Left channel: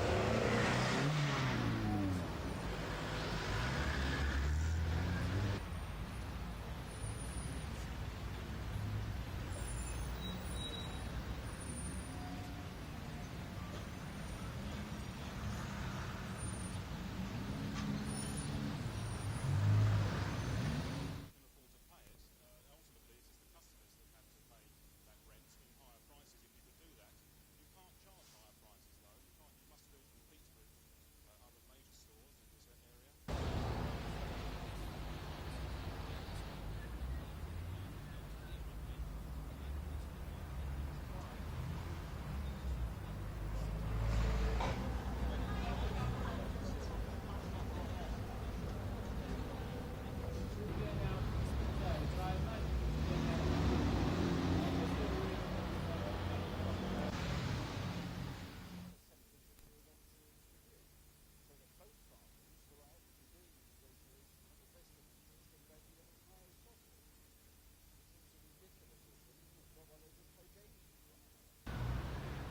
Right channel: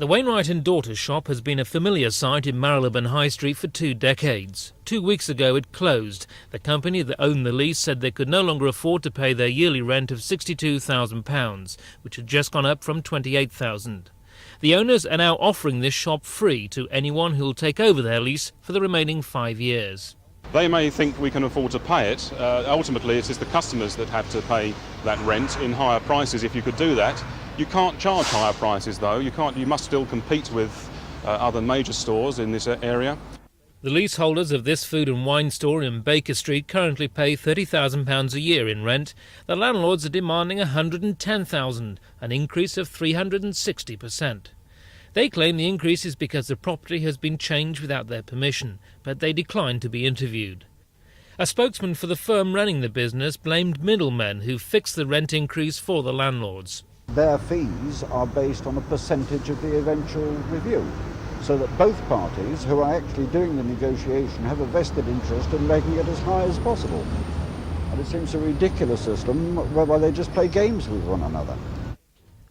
The Wainwright and Daughter shop has been a familiar sight in Marylebone High Street for 2 decades. 2 weeks ago it closed. The company that owned the lease said they could no longer afford to pay their yearly rent of £62,000, which had just gone up from £28,000. The owners are now offering this shop free to anyone who will take over their lease for the remaining 5 years. They may think we can afford to pay it. Ultimately, it is the customers that have to pay that rent in higher prices if you could do that. You can't charge higher prices, though. You must still compete with other major stores in this area. The leaseholders of this food and wine store in Baker Street currently pay £30,000 a year in rent. The landlords are demanding £110,000, an increase of 360%. They claim the increase is because the property has been changed without their permission, but they declined to be interviewed. A spokesman for the firm running the business blamed middlemen who fixed the rent increase for the landlords. Their fees are based on a percentage of the eventual review, so that both parties who are actually doing the negotiation have a vested interest in making it as high as possible. And it seems a ridiculous system whereby they just play games with one another.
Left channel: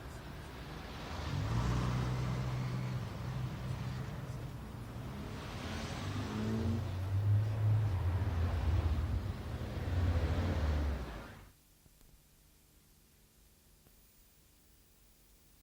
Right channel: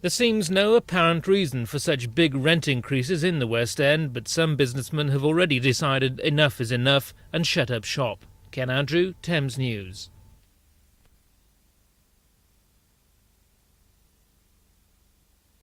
There seems no apparent reason for such big rent increases in the West End, but some businessmen have already decided enough is enough and shut up shop. Ken Andrew, Thames News.